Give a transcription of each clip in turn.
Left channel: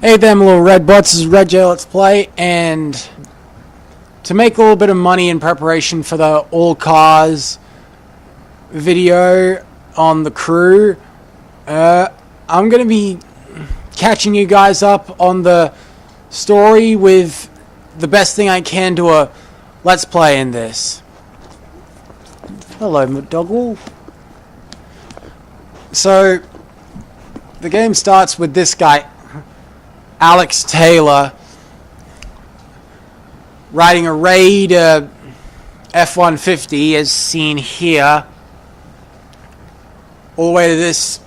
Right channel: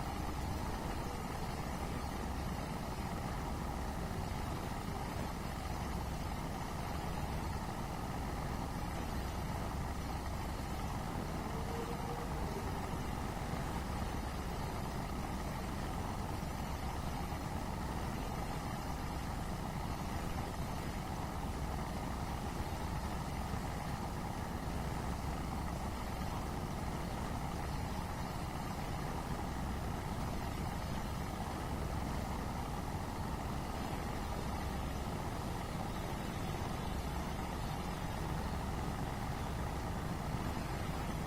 Hey there, my little red butts. This is Red J Let's Play, and to make a little bit of money in preparation for the all cars video on the crew, I'm going to be catching you guys up on the story with the best thing I can to a Let's Play in this. Hello, McDougall. So, the game starts with this guy, Alex Taylor, riding a Raid F-150 as seen here, all the way to this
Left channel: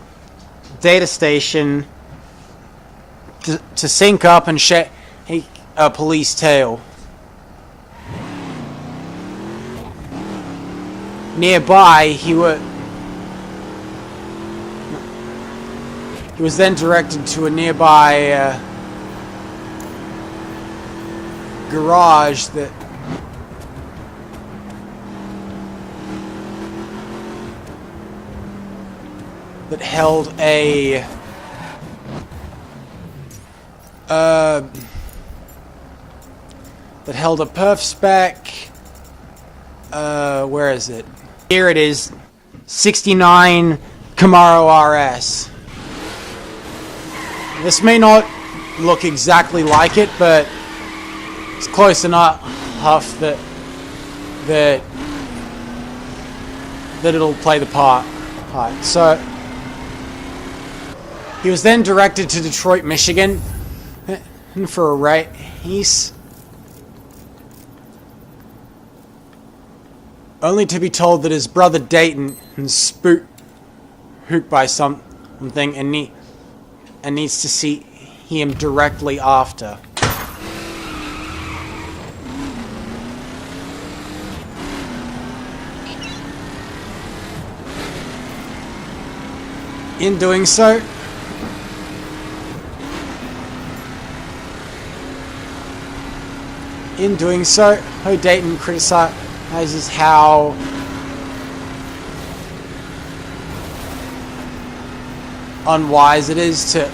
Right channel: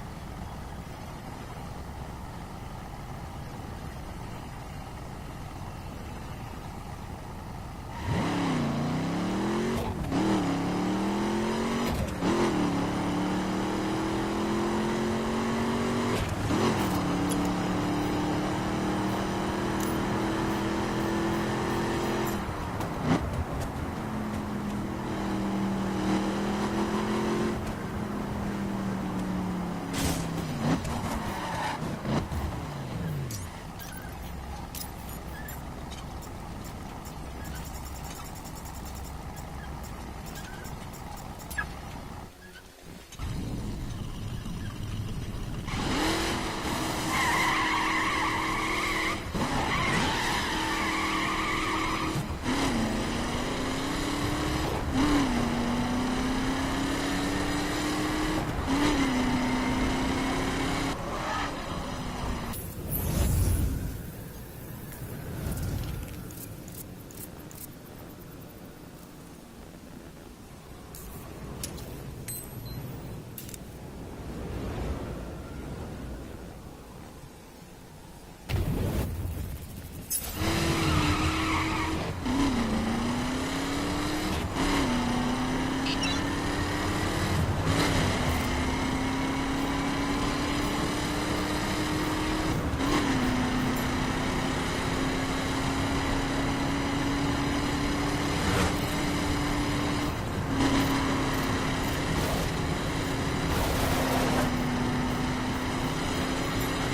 data station to sync up and shake a police tail. Nearby, he was then directed to a nearby garage that held a perf spec. Where is it? Here it is, 69 Camaro RS. This may not look exactly like it, but it's close enough that it'll play the part. So he was then directed to Detroit, Michigan, for a race, only to be told that his brother Dayton was spooked by something and needs to see him directly after. In doing so, Dayton criticizes how unwise it is to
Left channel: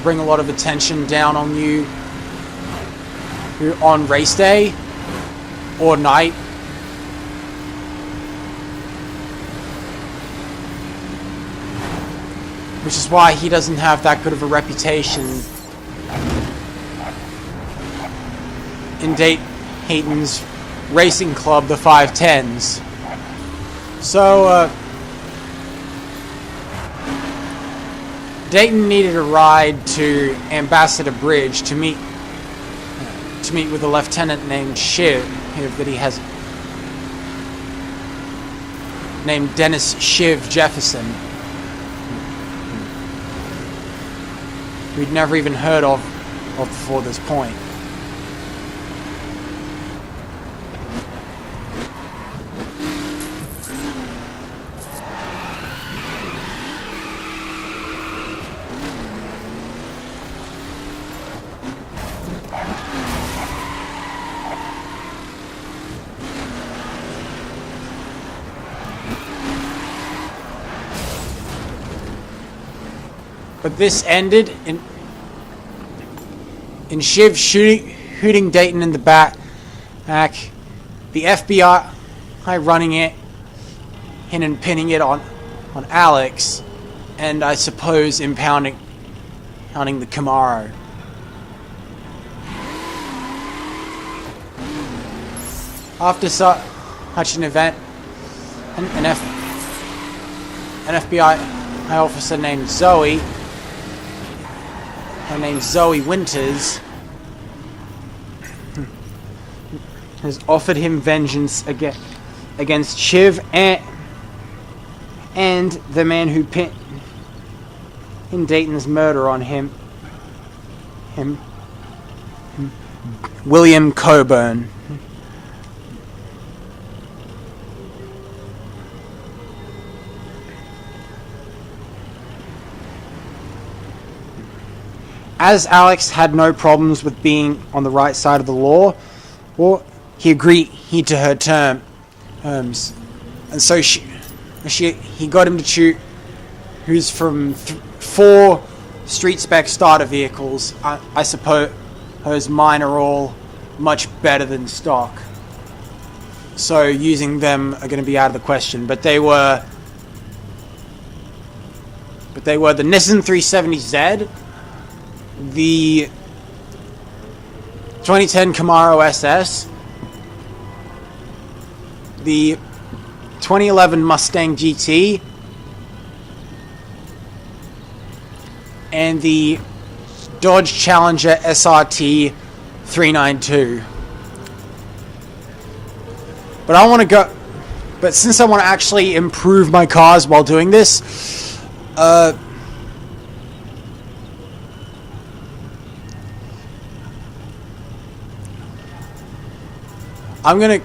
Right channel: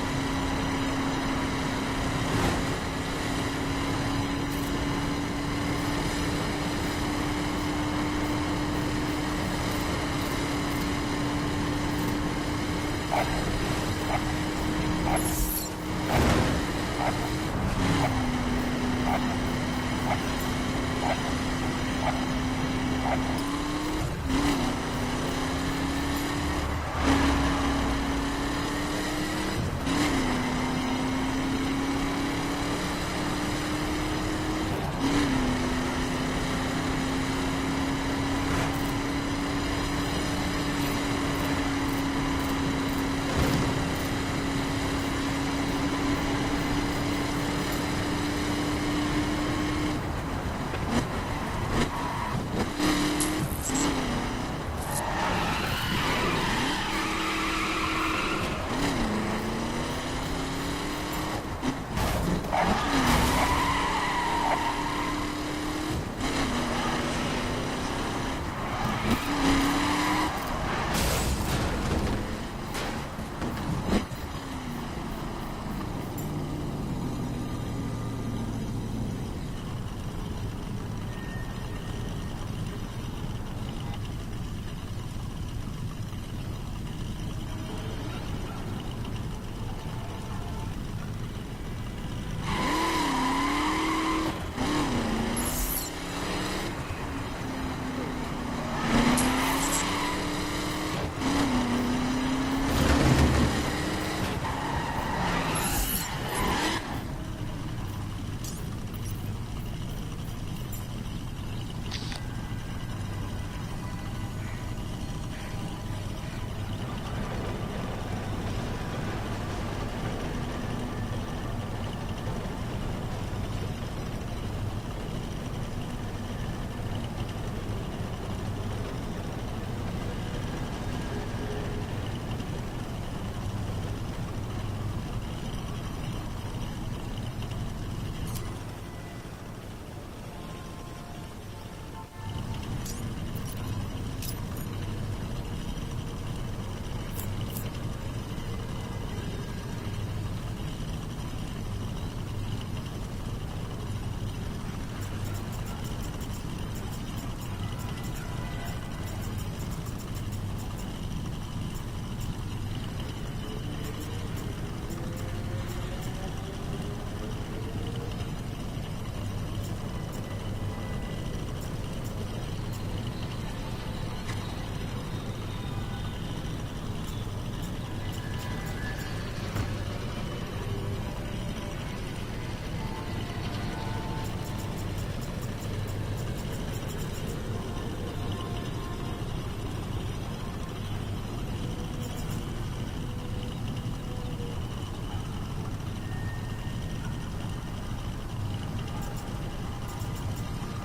bring a lot of attention down on you on race day or night. Which is why he doesn't have that good of a reputation in Dayton's racing club, the 510s. So, Dayton needed a ride to Ambassador Bridge to meet with a lieutenant named Shiv, that he has named Dennis Shiv Jefferson. We'd never even heard of before this point. But this ended in Shiv shooting Dayton in the back, the FBI running it in and pinning it on Alex, and I suppose impounding the Camaro. After such an event, an FBI officer named Zoe Winters has offered him vengeance against Shiv and the man who pinned Dayton's murder on him, William Coburn. As Alex had no problems with being on the right side of the law, he agreed to her terms, and so he got him to choose who's from 4 street spec starter vehicles. I suppose mine are all much better than stock, so using them are going to be out of the question. But they were the Nissan 370Z, the 2010 Camaro SS, the 2011 Mustang GT, and the Dodge Challenger SRT 392. But since I want to actually improve my cars while doing this, I'm gonna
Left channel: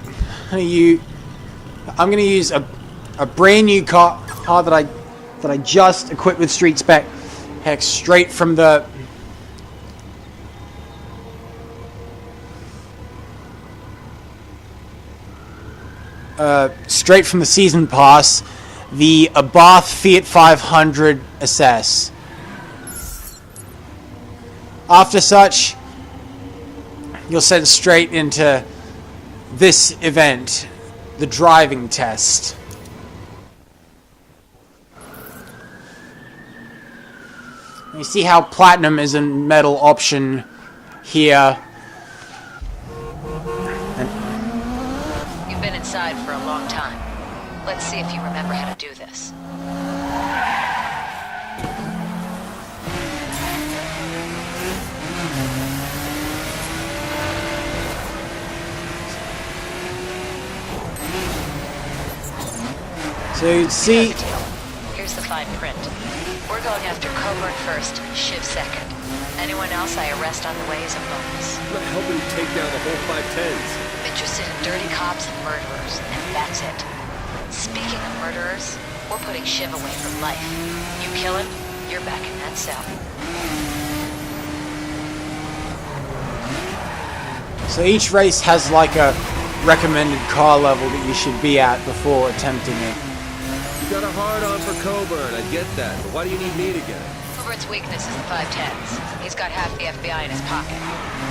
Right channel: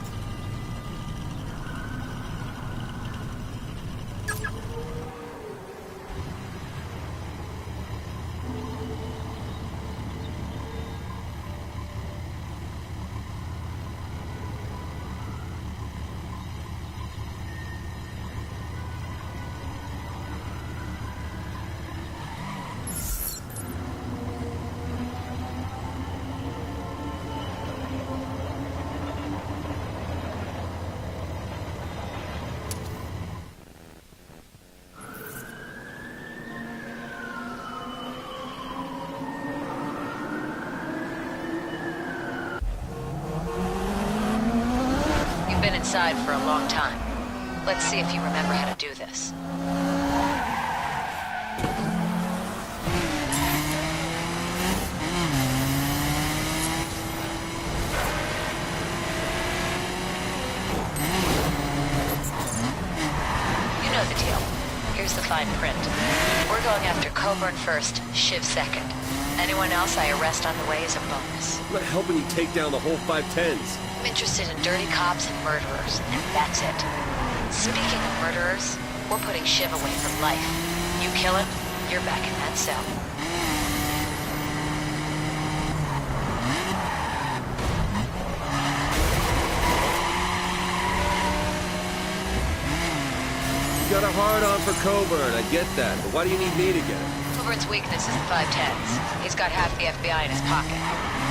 use a brand new car that I just equipped with street spec, heck, straight from the season pass, the Abarth Fiat 500 SS. After such, you'll send straight into this event, the driving test. You see how platinum is a metal option here. You've been inside for a long time. Let's see if you remember how to do this. So you see, You know the deal. Here's the fine print. We're going after Coburn first, Shiv second. Anyone else I arrest on the way is a bonus. I'm not helping you take down the whole 510s. I'm interested in dirty cops and murderers, and that's it. Speaking of murderers, we're putting Shiv away from life. You kill him, you're back in that cell. so each race has like a recommended car level that you should be at before attempting it. You got a hard-on for Coburn, I get that, but why do you need me to get it? Coburn's weakness is the 510s. He's got half the FBI in his pocket.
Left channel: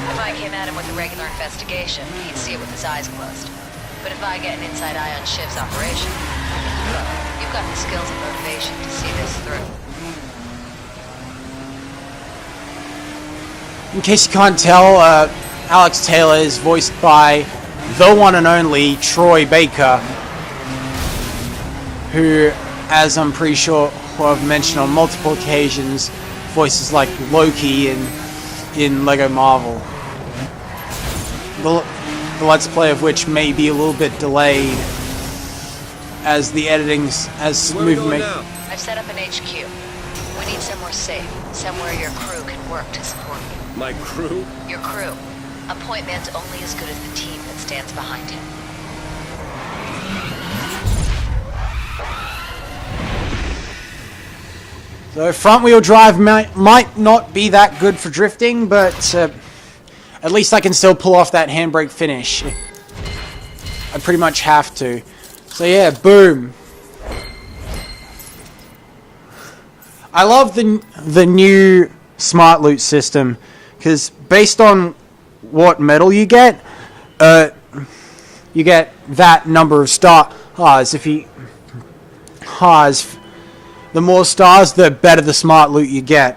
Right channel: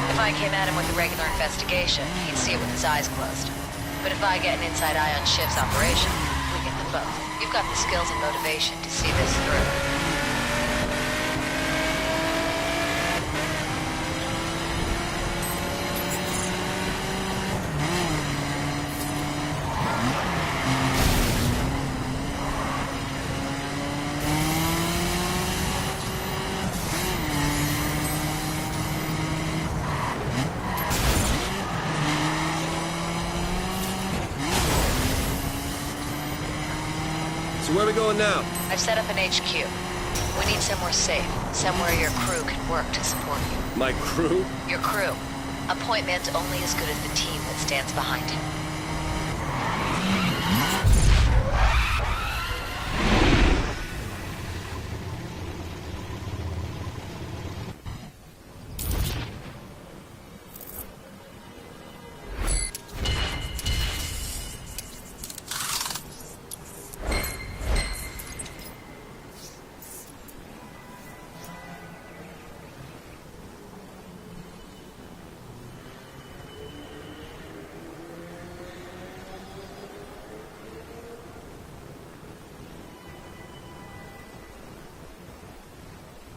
If I came at him with a regular investigation, he'd see it with his eyes closed. But if I get an inside eye on Shiv's operation, we can do both. You've got the skills and motivation to see this through. In case you can't tell, Alex Taylor is voiced by the one and only Troy Baker, who, as I'm pretty sure I've mentioned on multiple occasions, voices like Loki in Lego Marvel. The Let's Play of which may be a little bit delayed, as the editing's as So where are we going smooth. now? I've set up an HQ. We need somewhere safe, somewhere your crew can work to support you. My crew? Your crew. A point man's only as good as the team that stands behind him. So front-wheel drive might not be that good for drifting, but at least I can still pull off that handbrake finish. I pretty much have to. So yeah, boom. I love the new smart loot system, because based on what medal you get that number of stars. If you the more stars, the better the smart loot you get.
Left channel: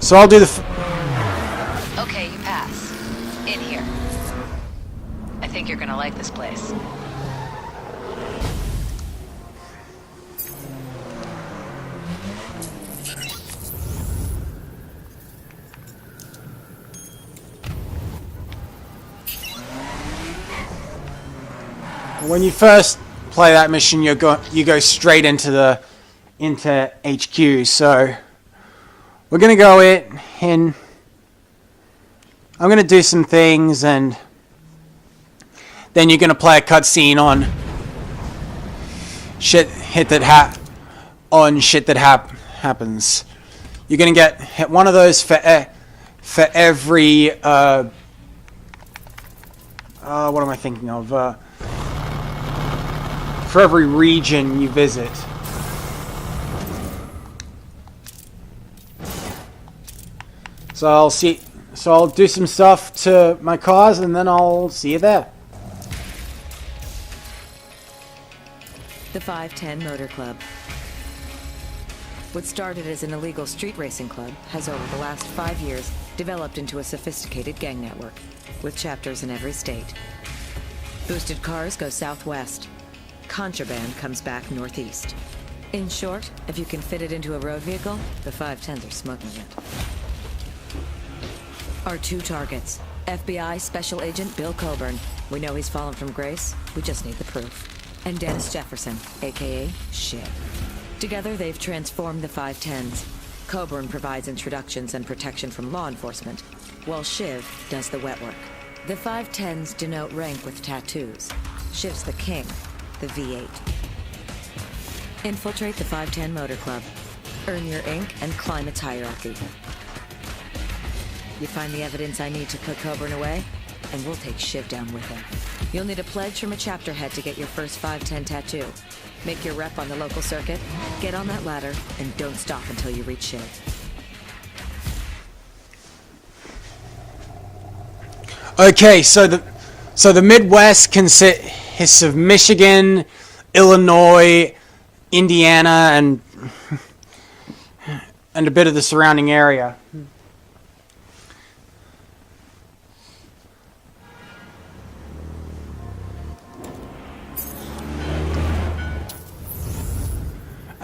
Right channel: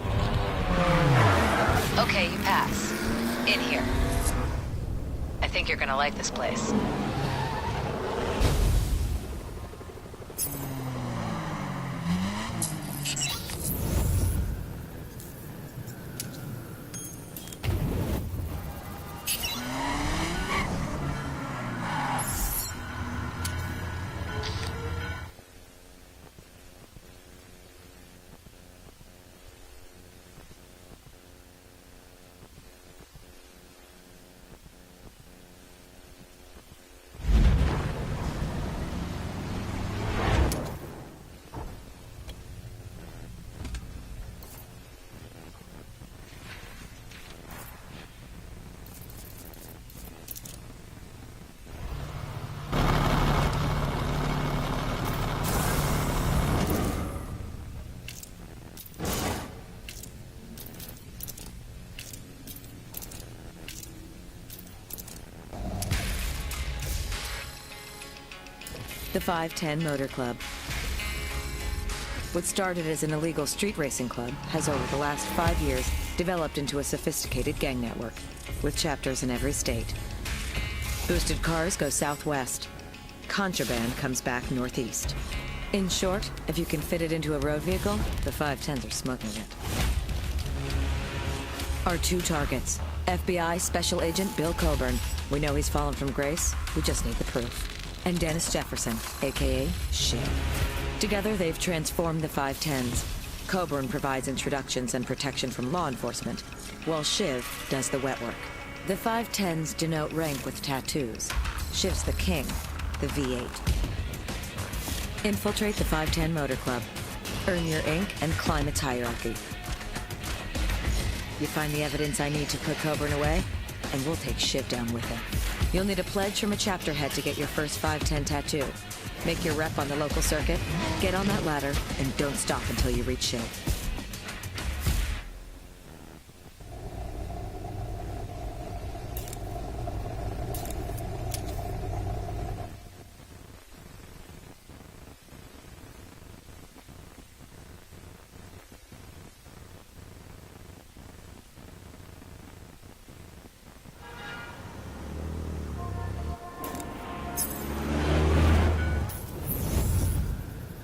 So I'll do the... Okay, you pass. In here. I think you're gonna like this place. When you first play that mission, you go straight into HQ. So we're gonna go in. I'm gonna do some things, and then you're gonna play a cutscene on shit that happens. You're gonna get hit one of those for every what am I thinking of? for every region you visit. So I'll do some stuff to my cars and then I'll see you there. The 510 Motor Club. What started as an illegal street racing club has over the last 5 years developed into a sophisticated gang network with chapters in every state. Boosted cars go southwest. Contraband comes back northeast. In short, if you can fit it into a road vehicle, the 510s are smoking it. Our two targets. FBI Special Agent Bill Coburn. We know he's fallen from grace. We just need the proof. And Dennis Jefferson, a.k.a. Shiv. Together, they've transformed the 510s. Coburn provides introductions and protection from law enforcement, while Shiv does the wet work. The 510s denote rank with tattoos. Shiv's the king, the V8. Infiltrate the 510 Motor Club. Earn your ink and climb its hierarchy. You find the evidence I need to put Coburn away, and we'll take Shiv down with him. You'll need a pledge from a chapter head to get your first 510 tattoo. Make your rep on the local circuit, get on that ladder, and don't stop until you reach Shiv. Okay, so the Midwest consists of Michigan, Illinois, Indiana, and a bit of the surrounding area.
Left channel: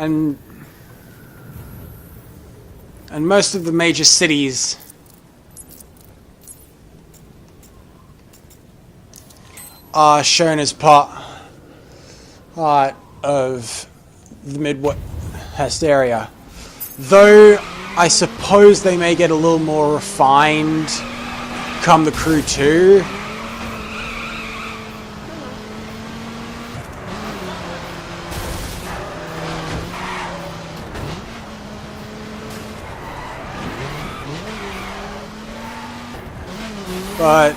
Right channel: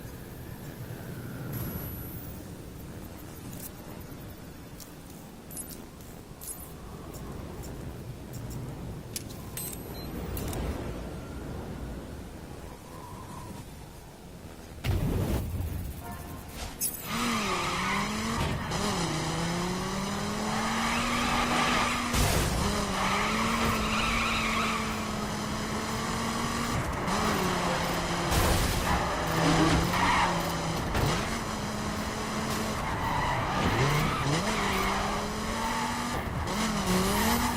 And most of the major cities are shown as part of the Midwest area. Though I suppose they may get a little more refined come the Crew 2. But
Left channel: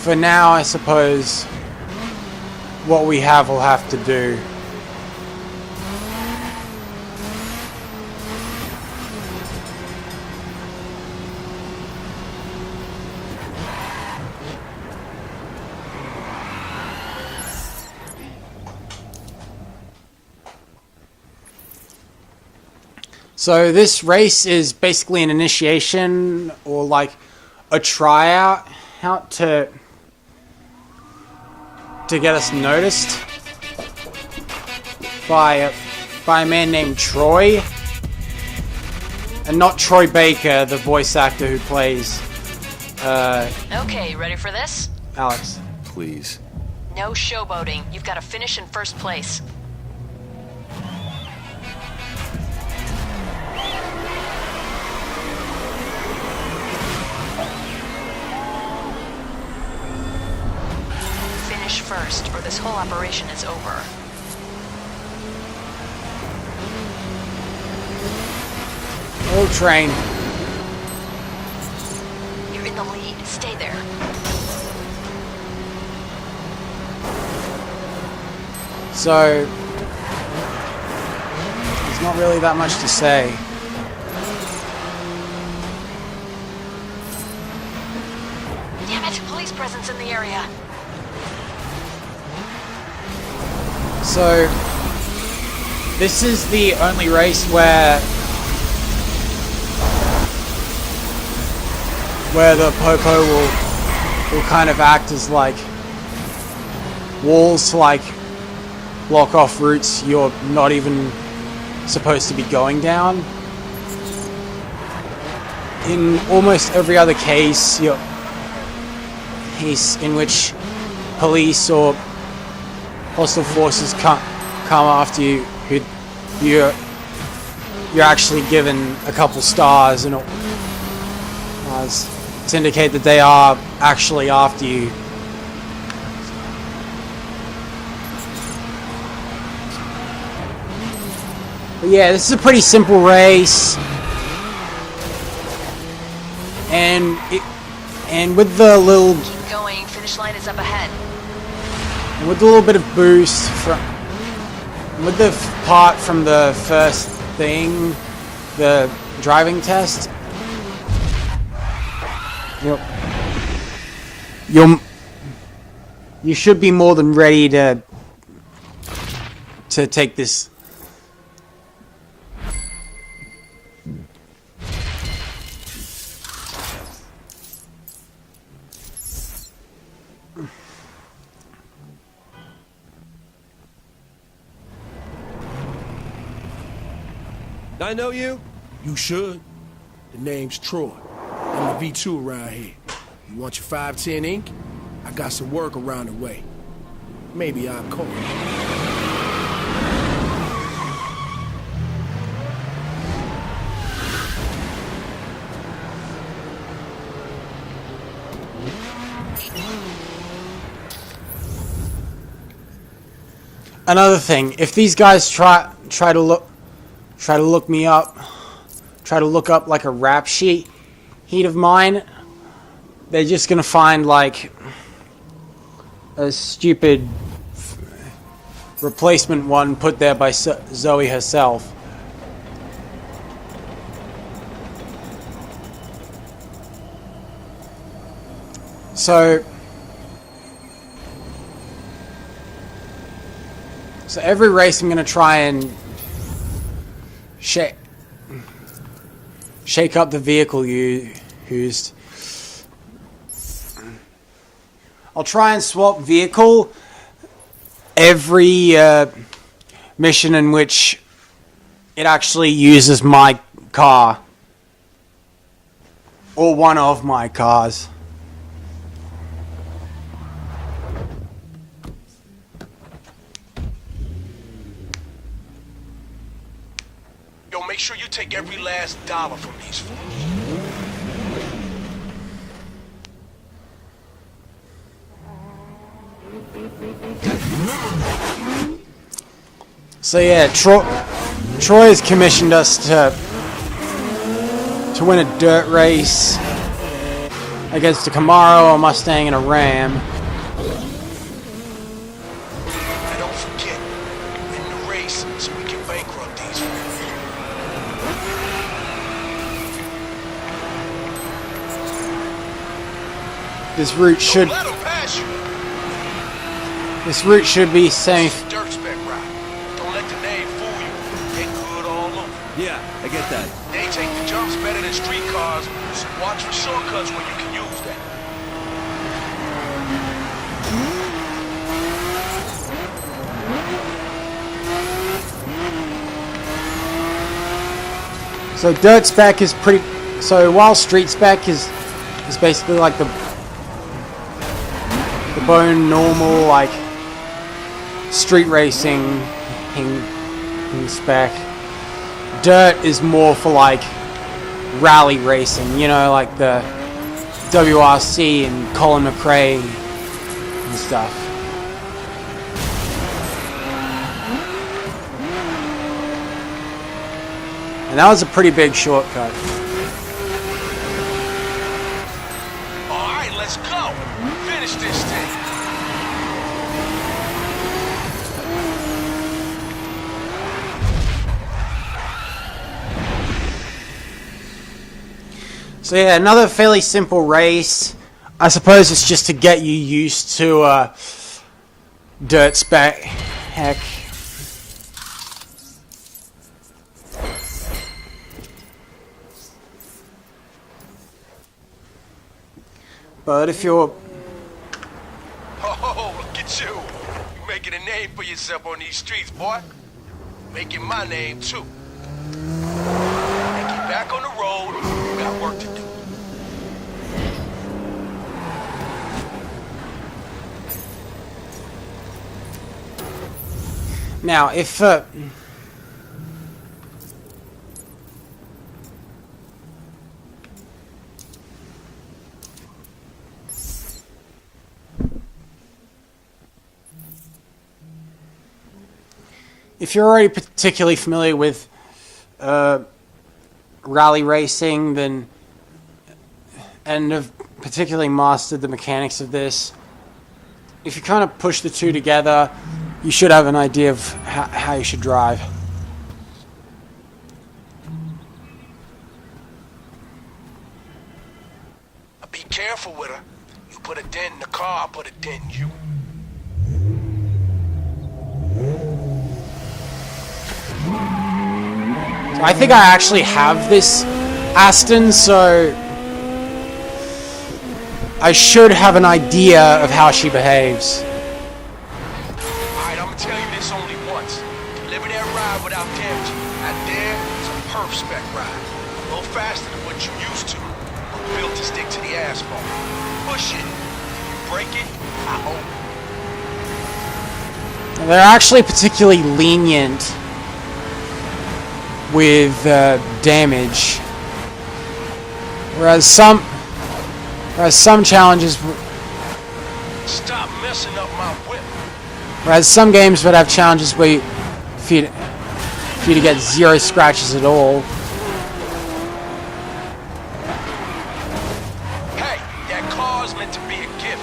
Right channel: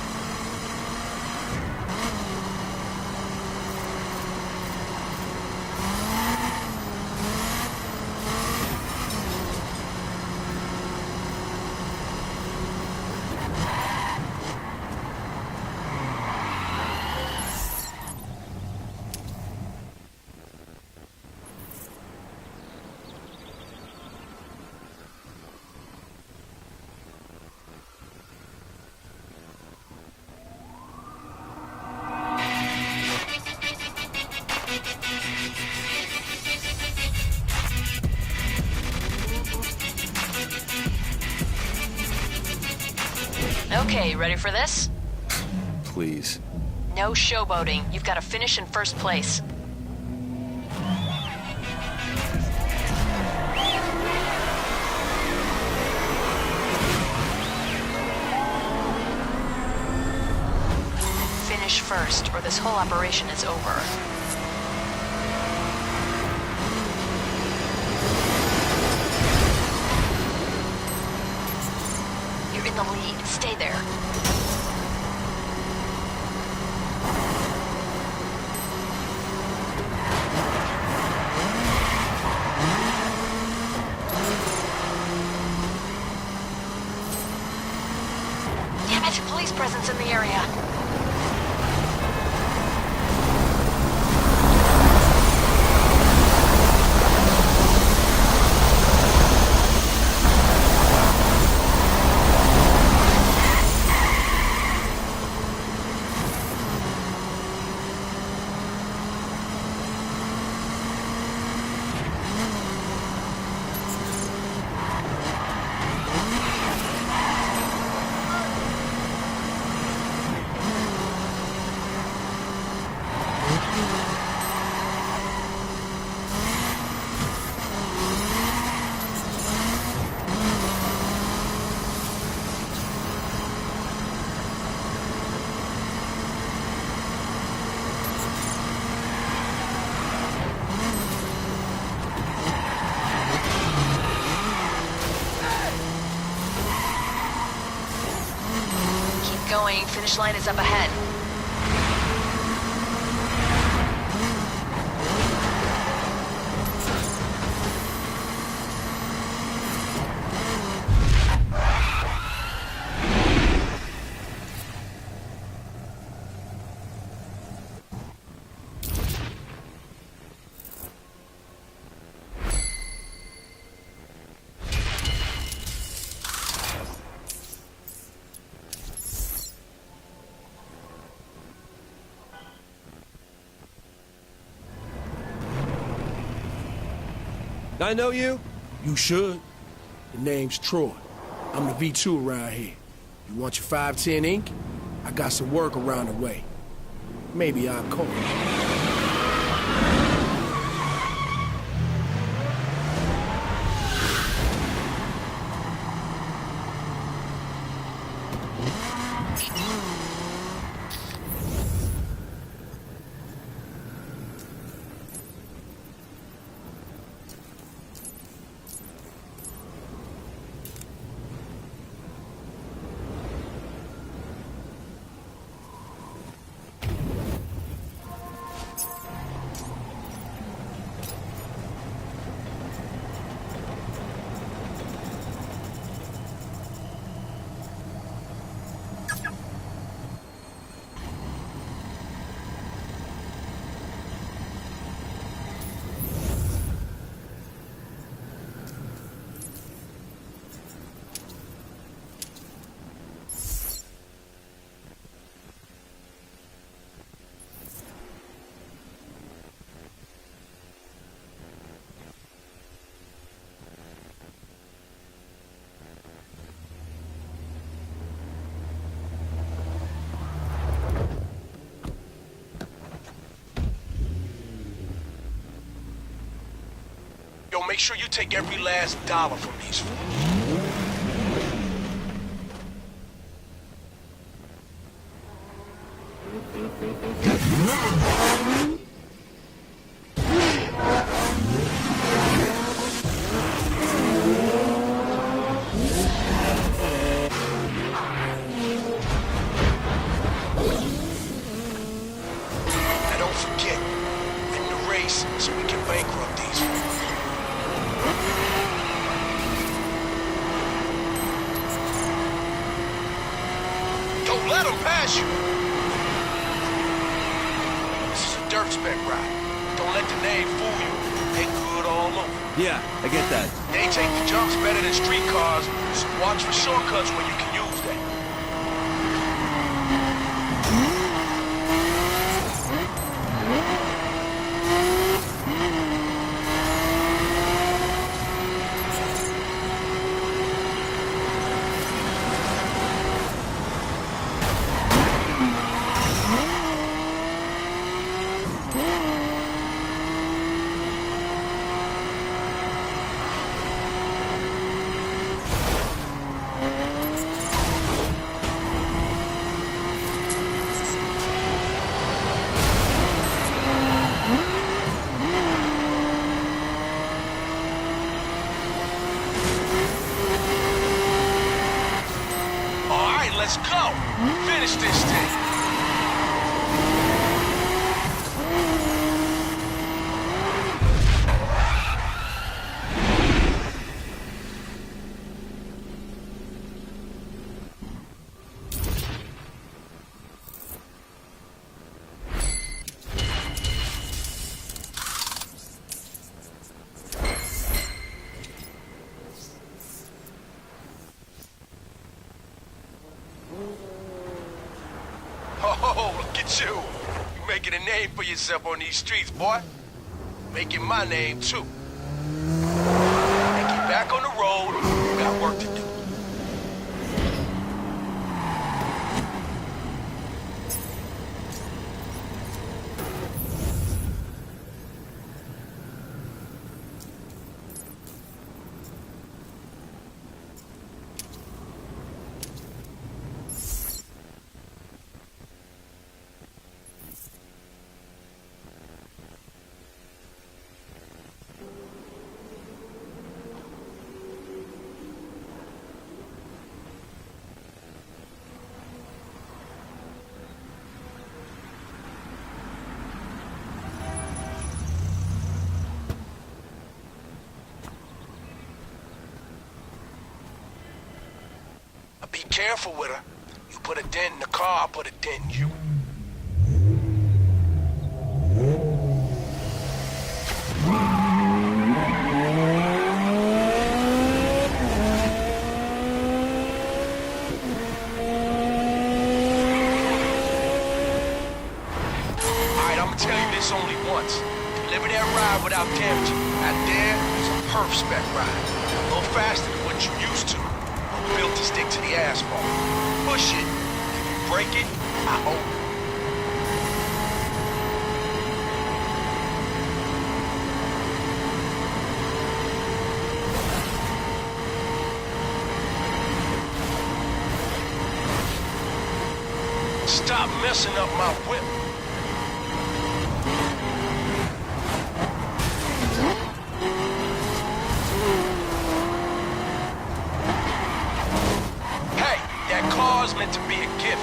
for now, I suppose what we have will have to do. So this race is basically an initiation or like a tryout to get us noticed by a man named Troy, and not Troy Baker, the voice actor who plays Okay, ready for this? Alex. Please. No showboating. You've got to finish in first place. Finish first, or this whole operation is over. Full train. You're in the lead. Stay there. So there's not really that much to say. Damn it! Police presence in the area. So this is the only race where the Popo will kind of act as like walls to like block off routes you're not even supposed to be going down. In almost every other case in which police or hostile forces come after you, you're actually given a couple stars and to indicate that they are actually after you. But yeah, this is a pretty simple race, and And with the little, Keep going. Finish line is up ahead. with a little bit of boost from, with the part from the first thing, the driving test, you should be more than ready to take this. I know you? You should. The name's Troy. I'm the V2 around here. You want your 510 ink? I got some work around the way. Maybe I'll call you. Another thing, if these guys try to look me up, try to look up like a rap sheet of mine, they're just gonna find like a stupid replacement one put there by Zoe herself. So every race I'm gonna try and shake up the vehicle used. I'll try and swap vehicle every mission in which it actually uses my car or one of my cars. Yo, make sure you take every last dollar from these fools. So yeah, Troy has commissioned us to win a dirt race against a Camaro, a Mustang, and a Ram. Now don't forget, win the race so we can bankrupt these fools. This route should Don't let them pass you. be safe. Dirt spec ride. Don't let the name fool you. They good all over. Yeah, I get that. They take the jumps better than street cars, so watch for shortcuts when you can use that. So dirt spec is pretty. So while street spec is basically like the bone normal like street racing in spec, dirt is more for like rally racing. You know, like the WRC and Colin McRae and stuff. And that was a pretty big shortcut. All right, let's go. Finish this thing. So yeah, another fairly simple race. I suppose it's just to get you used to dirt spec. Heck. But if you're... Oh, look at you. You making a name for yourself on these streets, boy. Making my name, too. Now get back on the road. We got work to do. Now, if... if you're already particularly familiar with rally racing, then and have particularly mastered the mechanics of this. If you kind of push the two together, you should have an idea of how you should drive. Be careful with her. You put a dent in the car, I'll put a dent in you. I think I actually have this Aston, so I should have an idea of how she behaves. Alright, I'm gonna tell you this only once. Deliver that ride without damaging. Out there is a perf spec ride. A little faster than what you used to. But built to stick to the asphalt. Push it. If you break it, I own it. They're actually particularly lenient with damage, whereas some challenges, Stop messing up my whip. whereas some games would have challenges where for you to get 0 scratches at all. Hey, that car's meant to be a gift.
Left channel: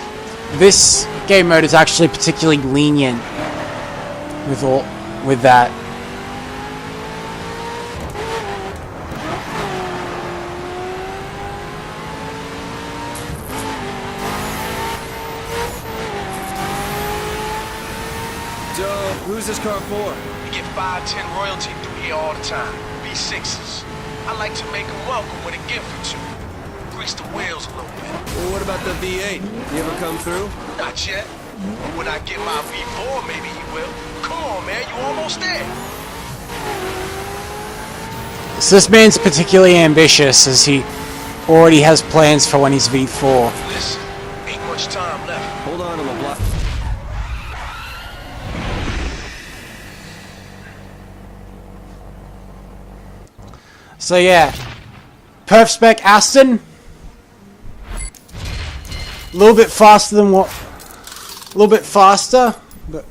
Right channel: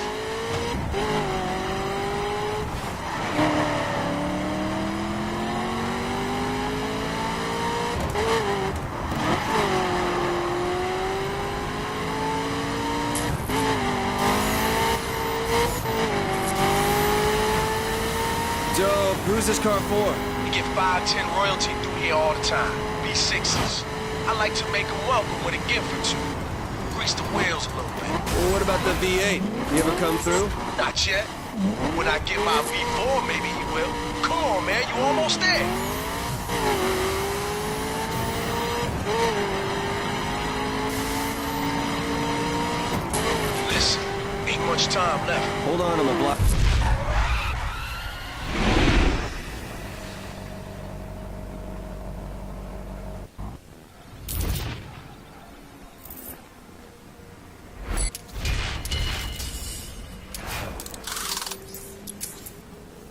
This game mode is actually particularly lenient with that. Dope. Who's this car for? You get 5-10 royalty through here all the time. V6s. I like to make them welcome with a gift or two. Grease the wheels a little bit. Well, what about the V8? You ever come through? Not yet. When I get my V4, maybe he will. Come on, man. You almost there. So this man's particularly ambitious, as he already has plans for when he's V4. Listen, ain't much time left. Hold on, I'm a block. So yeah, perf spec Aston, a little bit faster than what, a little bit faster, but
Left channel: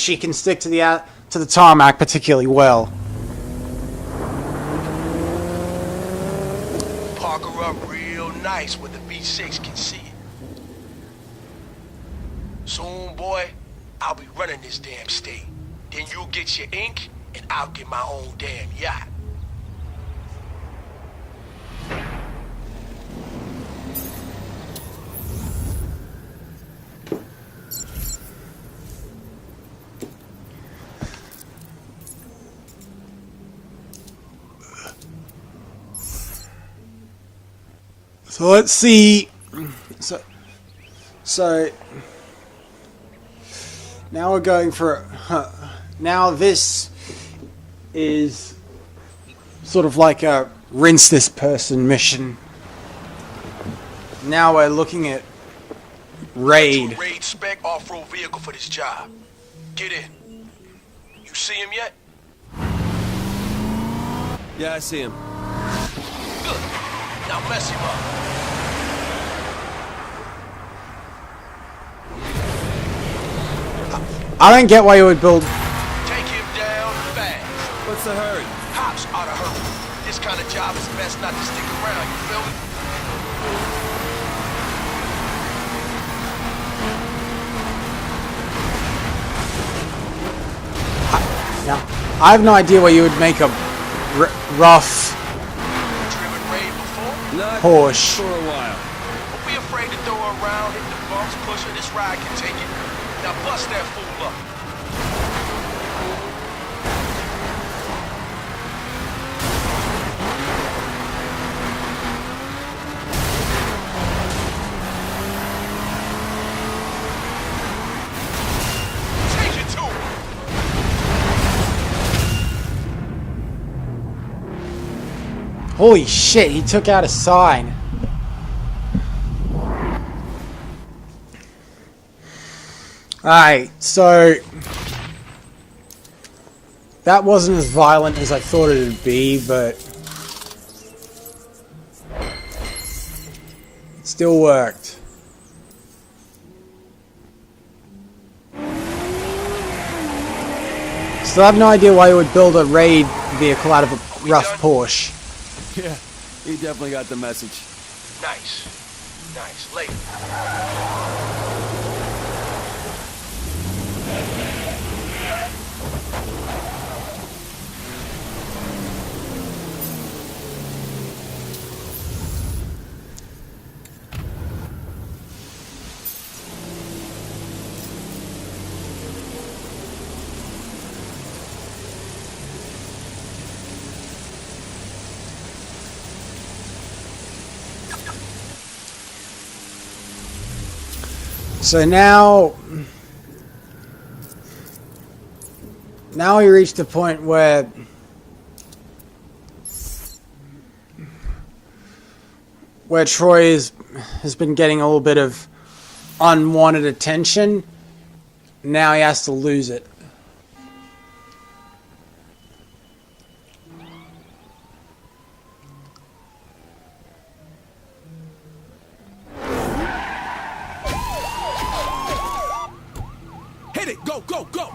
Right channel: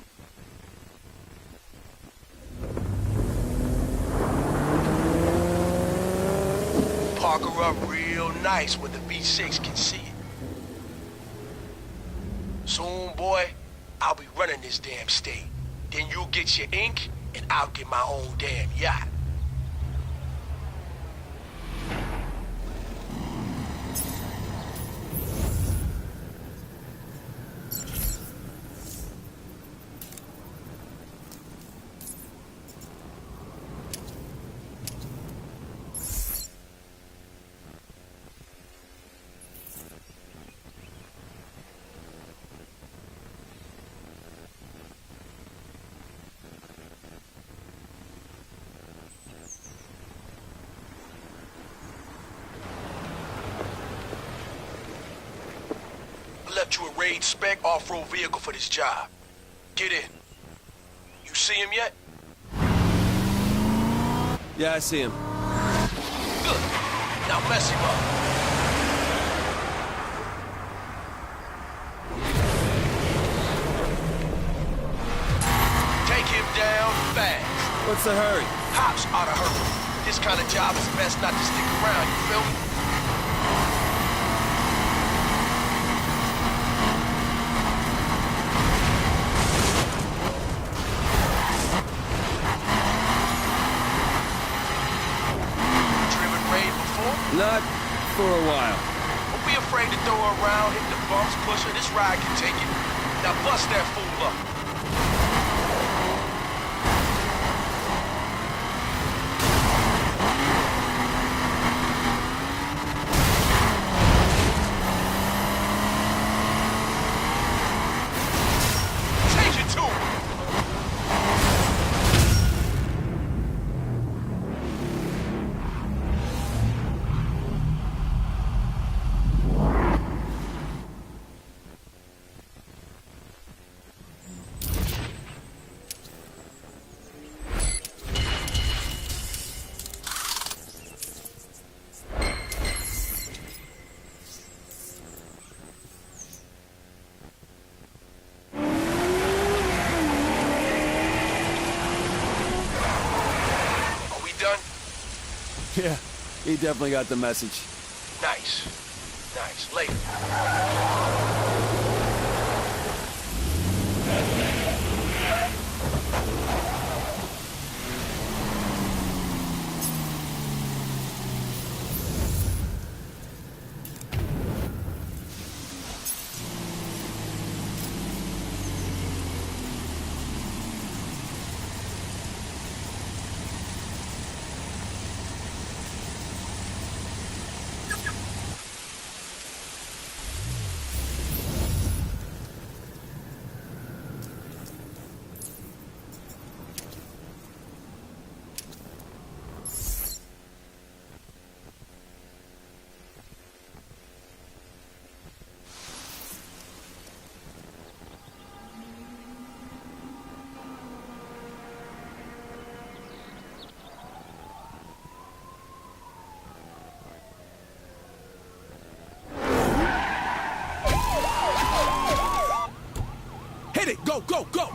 she can stick to the tarmac particularly well. Park her up real nice where the V6 can see it. Soon, boy, I'll be running this damn state. Then you'll get your ink, and I'll get my own damn yacht. So let's see. So now we're going for. Now this is sort of like a rinse this person mission. Now we're looking at raid. To a raid spec off-road vehicle for this job. Get in. You see him yet? Yeah, I see him. Good. Now mess him up. I don't get why you would build. Take him down fast. What's the hurry? Cops ought to hurry. This kind of job is best not to stick around, you feel me? I have no idea why you would make a rough Driven raid before? Not Porsche. for a while. Don't be afraid to throw her around, hit the bumps, push her. This ride can take it. Now bust that fool up. Take it to him. Holy shit, he took out a sign. Alright, so that wasn't as violent as I thought it would be, but it still worked. Still have no idea why you would build a raid vehicle out of a rough done? Porsche. Yeah, he definitely got the message. Nice. Nice. Later. So now we reach the point where Troy has been getting a little bit of unwanted attention. Now he has to lose it. Hit it! Go, go, go!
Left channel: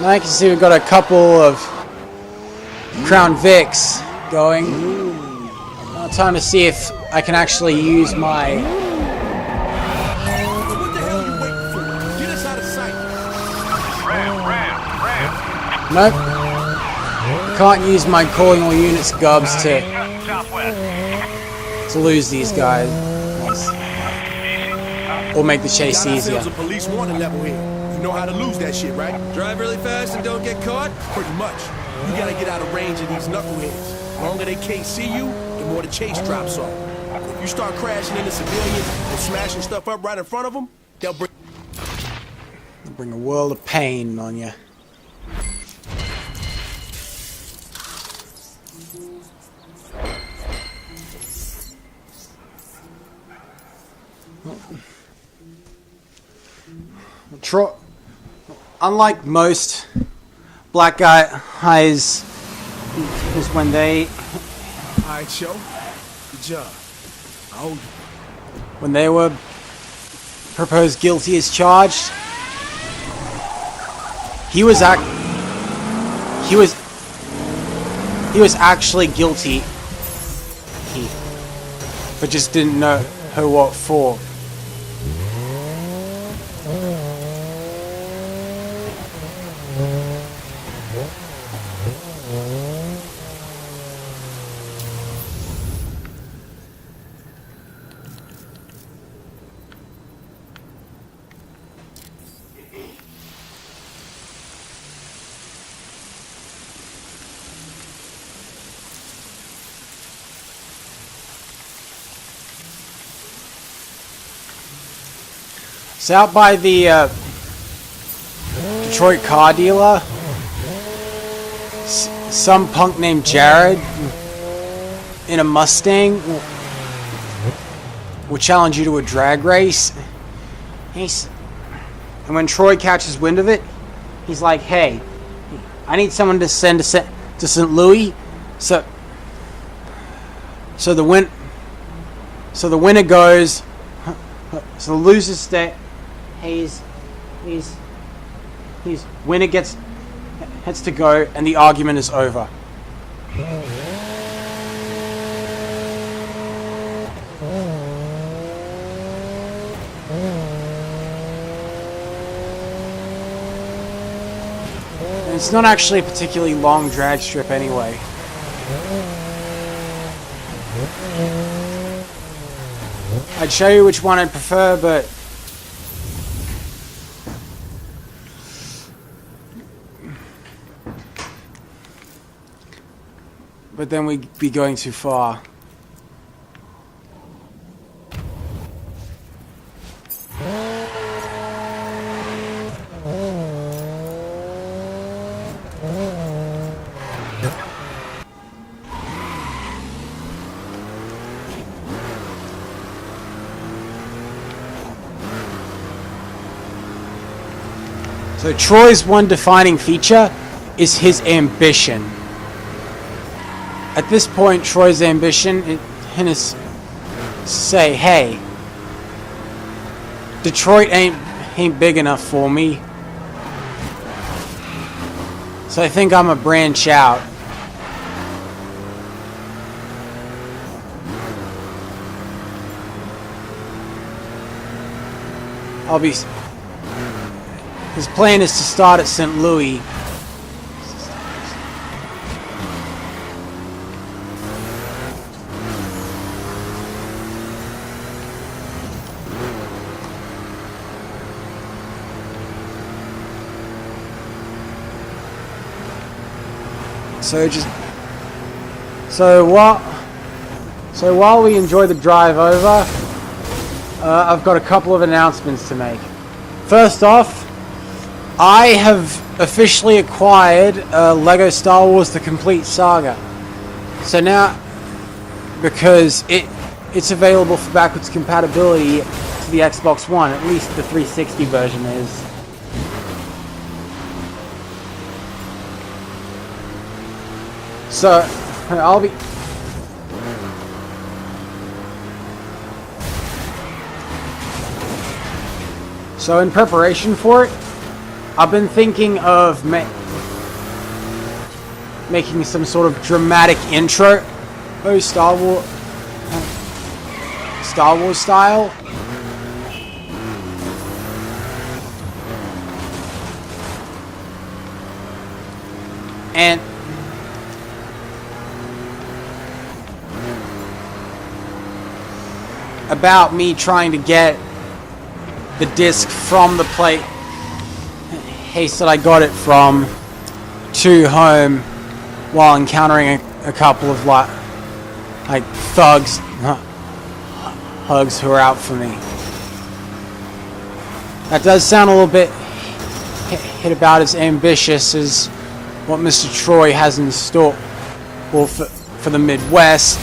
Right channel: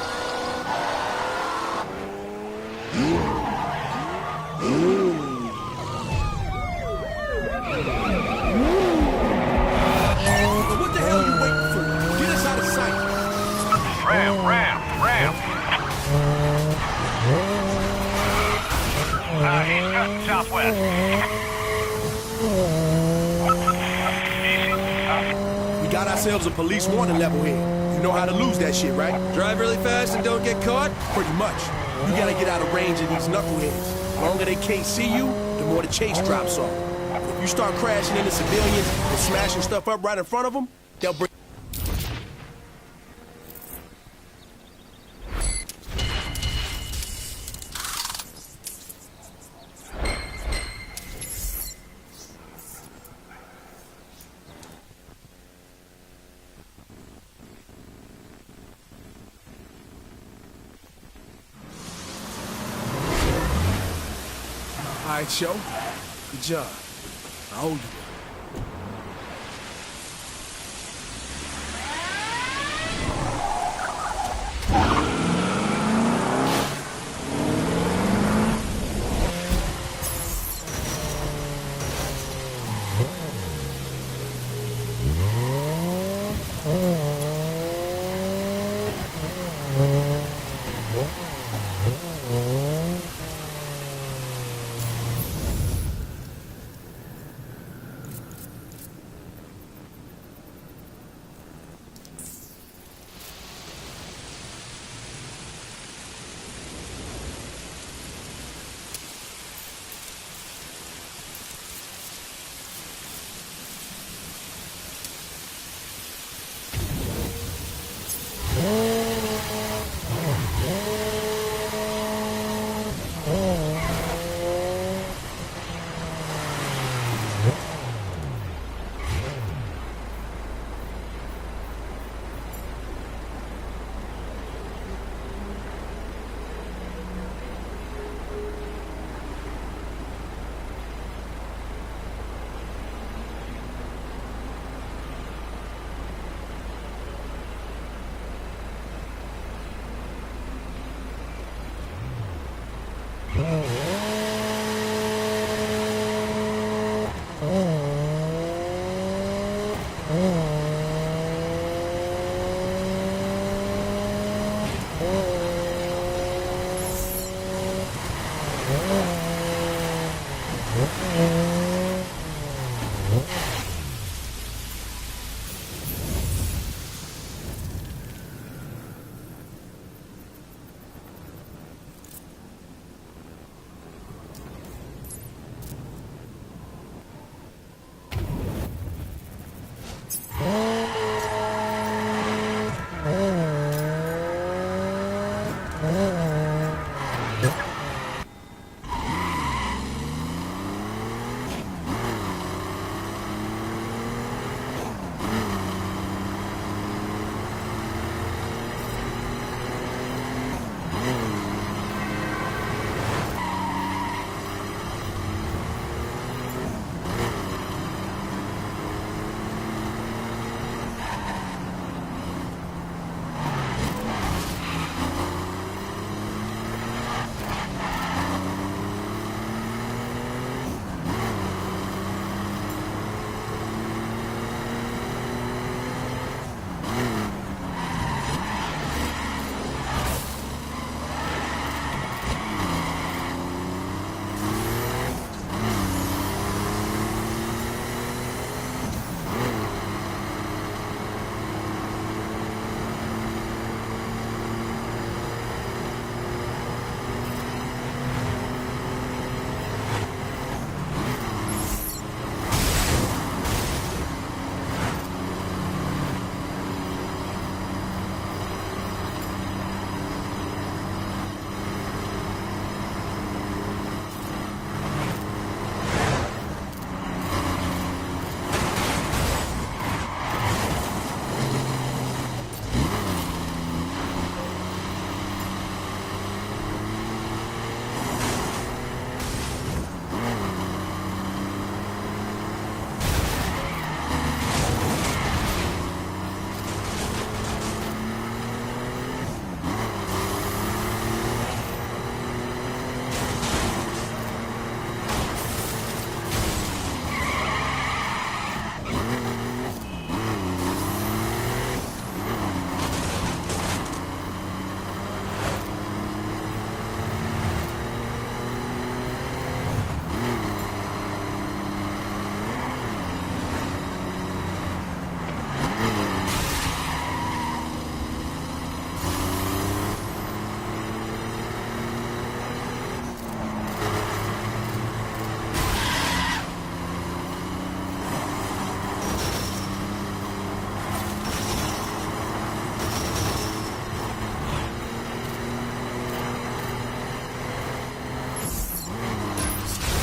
Now I can see we've got a couple of Crown Vics going. Time to see if I can actually use my... What the hell are you waiting for? Get us out of sight! Ram. Nope. Can't use my calling all units gubs to lose these guys. Or make the chase Got ourselves easier. a police warning level here. You know how to lose that shit, right? Drive really fast and don't get caught? Pretty much. You gotta get out of range of these knuckleheads. The longer they can't see you, the more the chase drops off. If you start crashing into civilians and smashing stuff up right in front of them, they'll Bring a world of pain on you. Unlike most black guys, when they Alright, Joe. Good job. I owe you. when they were proposed guilty as charged, he was actually guilty, but just didn't know what for. It's out by the Detroit car dealer. Some punk named Jared in a Mustang will challenge you to a drag race. And when Troy catches wind of it, he's like, "Hey, I need someone to send to St. Louis, so the winner goes, so the loser stay. He's winner gets to go, and the argument is over." It's not actually a particularly long drag strip anyway. I'd show you which one I'd prefer, but then we'd be going too far. So Troy's one defining feature is his ambition. At this point, Troy's ambition is to say, "Hey, Detroit ain't big enough for me. So I think I'm a branch out. His plan is to start at St. Louis. So while we enjoy the drive over, I've got a couple of announcements to make. First off, I have officially acquired Lego Star Wars: The Complete Saga. So now, because it's available for backwards compatibility to the Xbox One, at least the 360 version is. So I'll be. So in preparation for it, I've been thinking of making some sort of dramatic intro, Star Wars style. And about me trying to get the disc from the place that I got it from to home while encountering a couple of like thugs who are out for me. That does sound a little bit hit about as ambitious as what Mr. Troy has in store for the Midwest.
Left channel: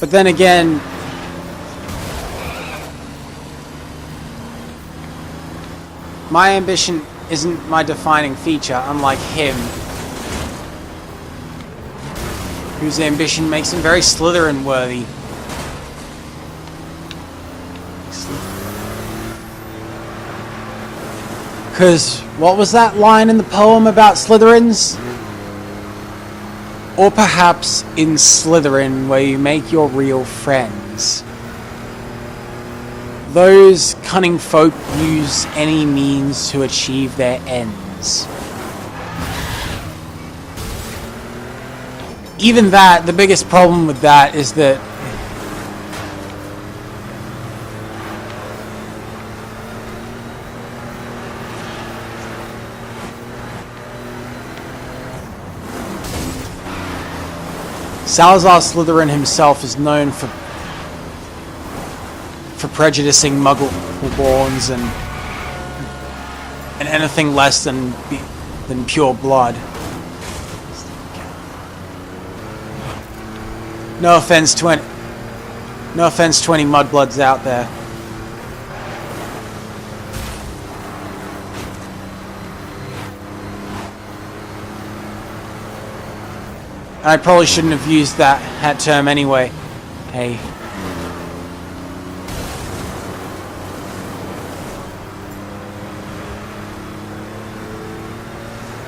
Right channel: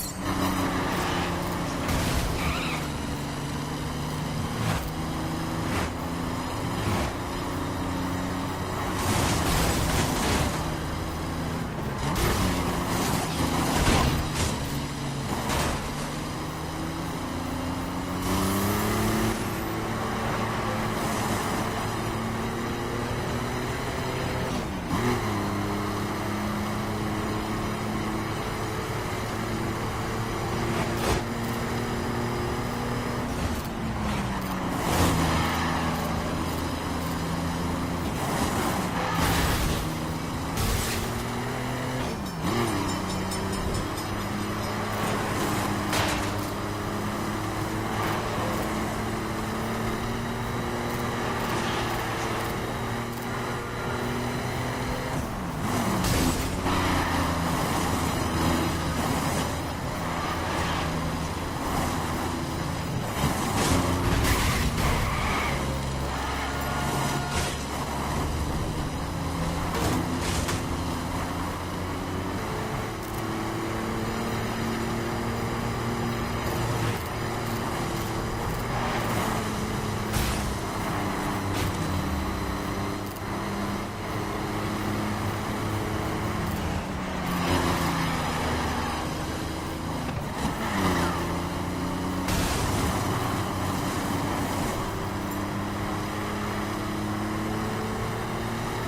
But then again, my ambition isn't my defining feature, unlike him, whose ambition makes him very Slytherin worthy. Because what was that line in the poem about Slytherins? Or perhaps in Slytherin, where you make your real friends. Those cunning folk use any means to achieve their ends. Even that, the biggest problem with that is that Salazar Slytherin himself is known for prejudicing Muggle-borns and anything less than pure blood. No offense to any mudbloods out there. I probably shouldn't have used that term anyway. Hey.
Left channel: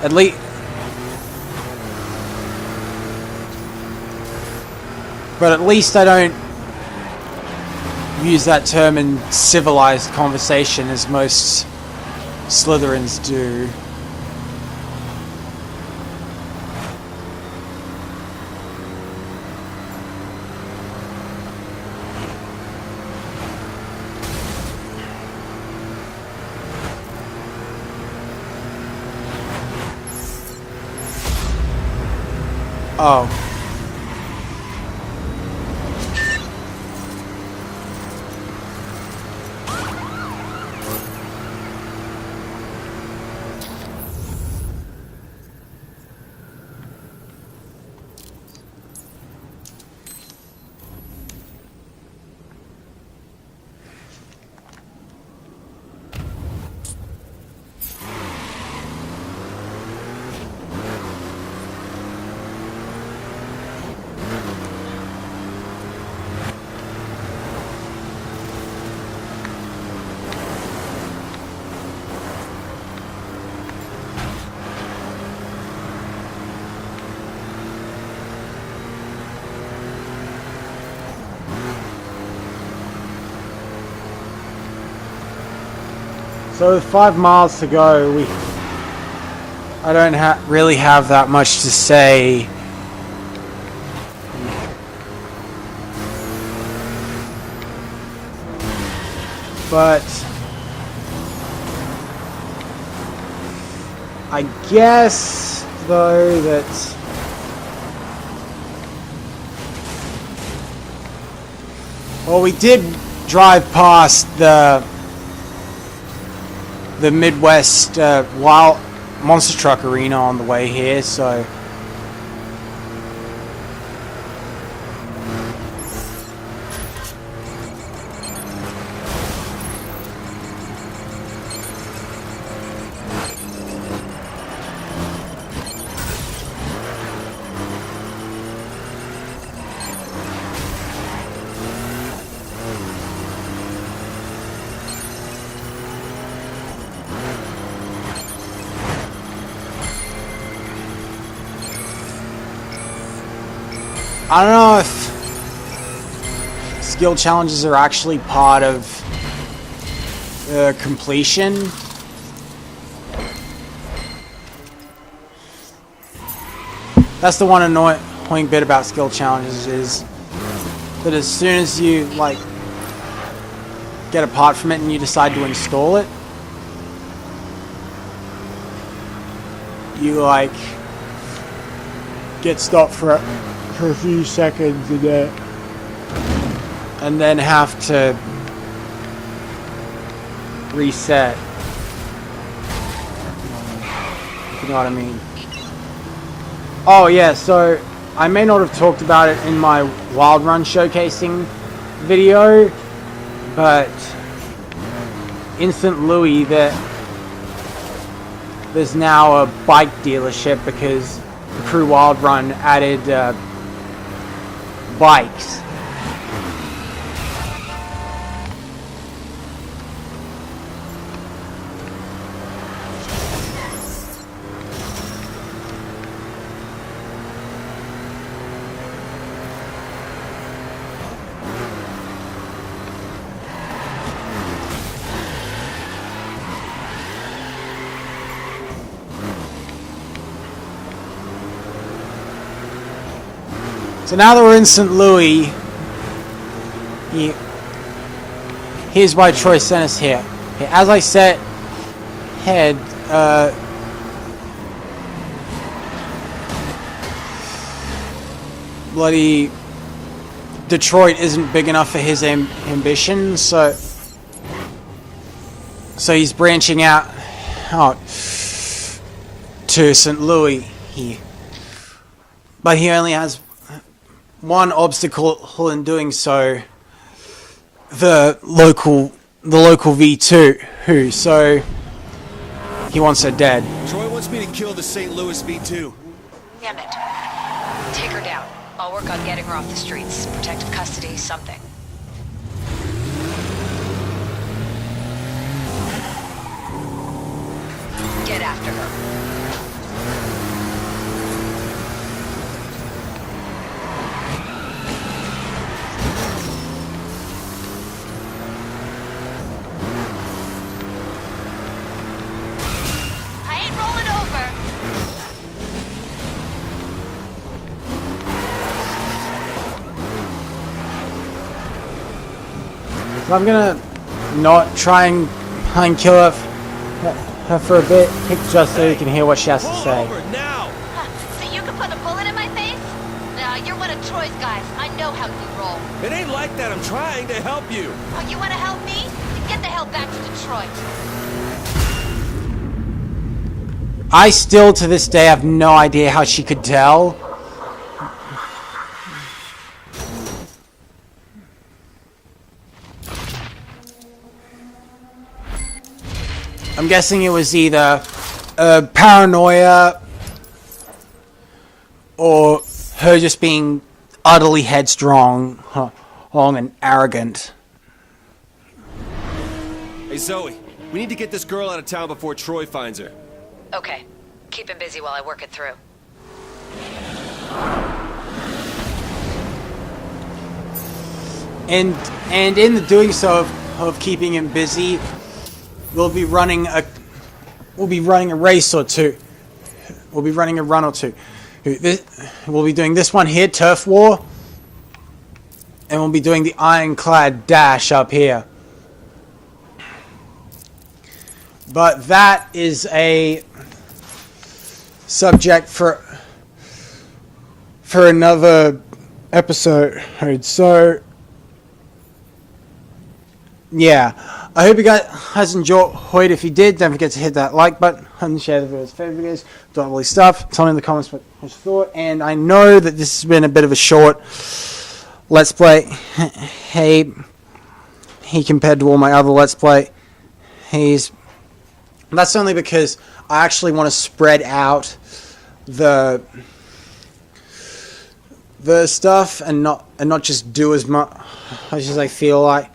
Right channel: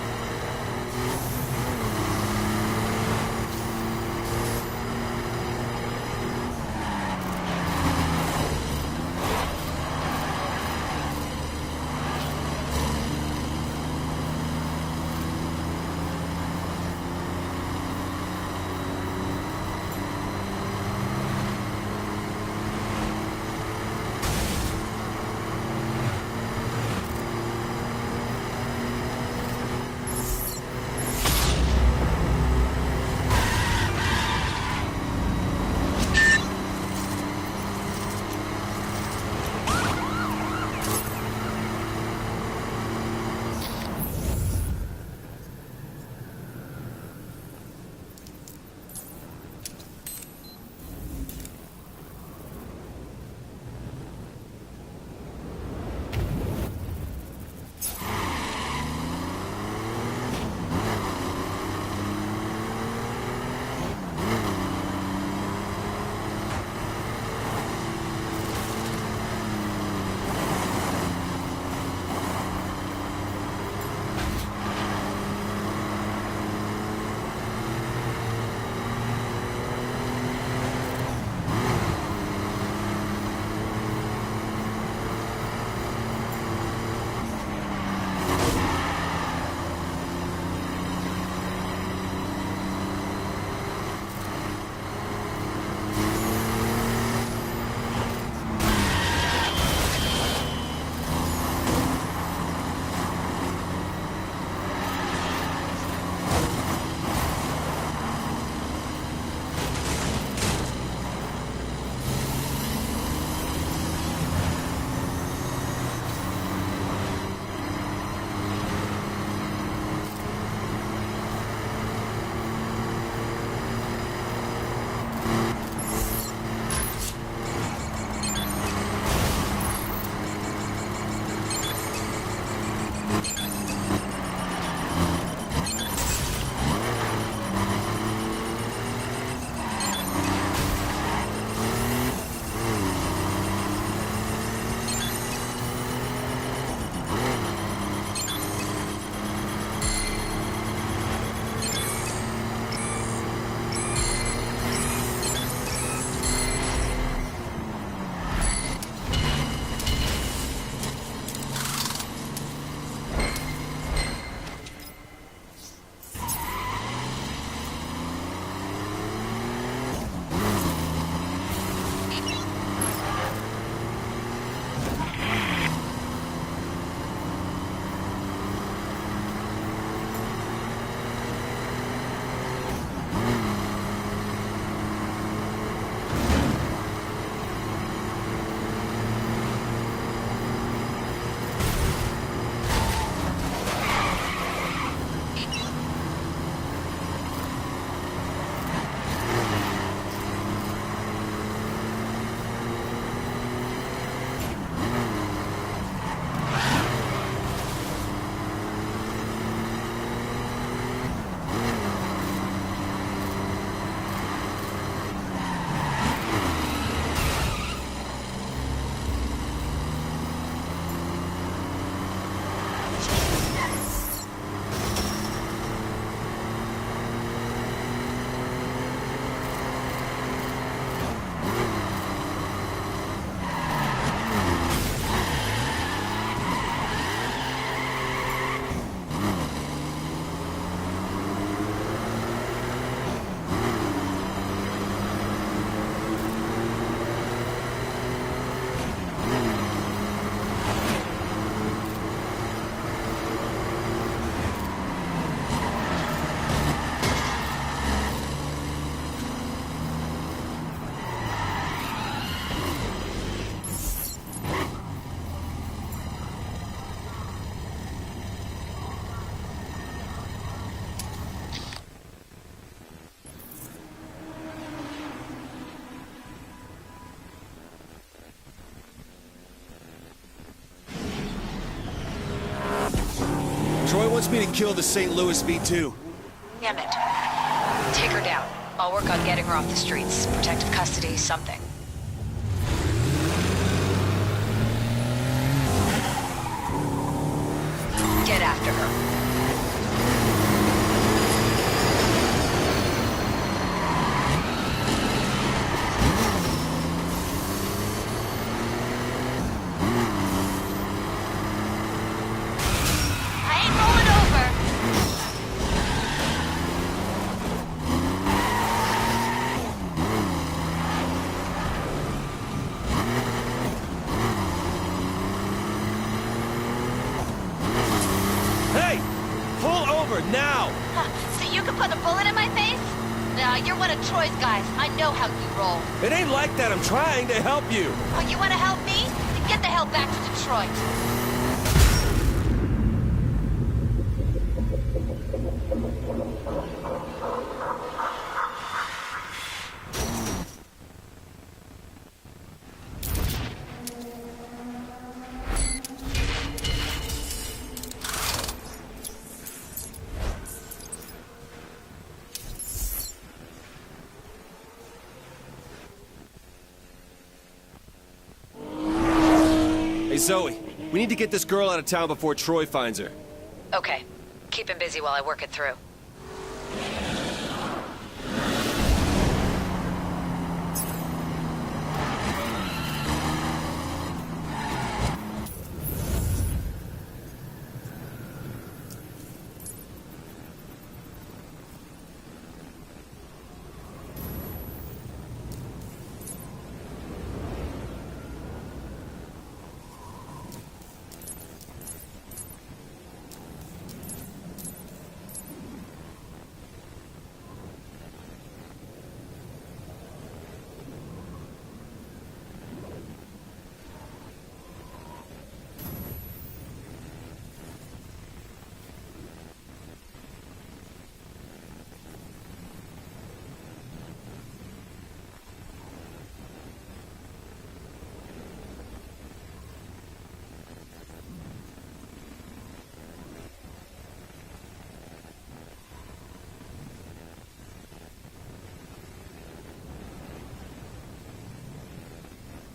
At least, but at least I don't use that term in civilized conversation as most Slytherins do. Oh. So with 5 miles to go, I don't really have that much to say. But I guess though that well, we did drive past the Midwest Wild Monster Truck Arena on the way here, so I don't know if skill challenges are actually part of completion. That's the one annoying bit about skill challenges, is that as soon as you like get a part from it and you decide to install it, you like get stopped for a few seconds and then have to reset. You know what I mean? Oh yeah, so I may not have talked about it in my Wild Run showcasing video, but in St. Louis there's now a bike dealership because Crew Wild Run added bikes. So now that we're in St. Louis, here's why Troy sent us here. As I said, bloody Detroit isn't big enough for his ambition, so he's branching out to St. Louis. But he only has one obstacle in doing so: the local V2, so he wants her dead. Troy wants me to kill the St. Louis V2. Damn it. Take her down. I'll work on getting her off the streets. Protective custody, something. Get after her. I'm gonna not try and kill her for a bit, just so you can hear what she has to Pull say. over now! So you can put a bullet in my face? Nah, you're one of Troy's guys. I know how you roll. It ain't like that. I'm trying to help you. Oh, you want to help me? Then get the hell back to Detroit. I still, to this day, have no idea how she could tell. I'm guessing it was either paranoia or her just being utterly headstrong and arrogant. Hey, Zoe, we need to get this girl out of town before Troy finds her. Okay. Keep him busy while I work it through. And in the doing so of keeping him busy, we'll be running a race or two. We'll be running a run or two. We'll be doing this one here, Turf War, and we'll be doing the Ironclad Dash up here. But that is a subject for another episode. So yeah, I hope you guys enjoyed. If you did, don't forget to hit that like button and share the videos, favorite videos, do all this stuff. Tell me in the comments what you thought. And I know that this has been a bit of a short Let's Play. Hey, compared to all my other Let's Play, that's only because I actually want to spread out the stuff and not just do as much as I feel like.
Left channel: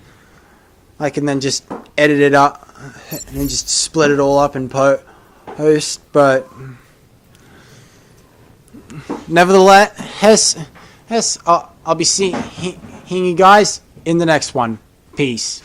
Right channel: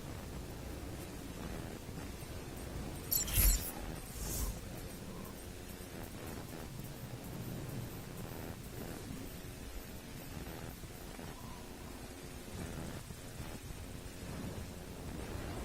I can then just edit it up and just split it all up and post. But nevertheless, I'll be seeing you guys in the next one. Peace.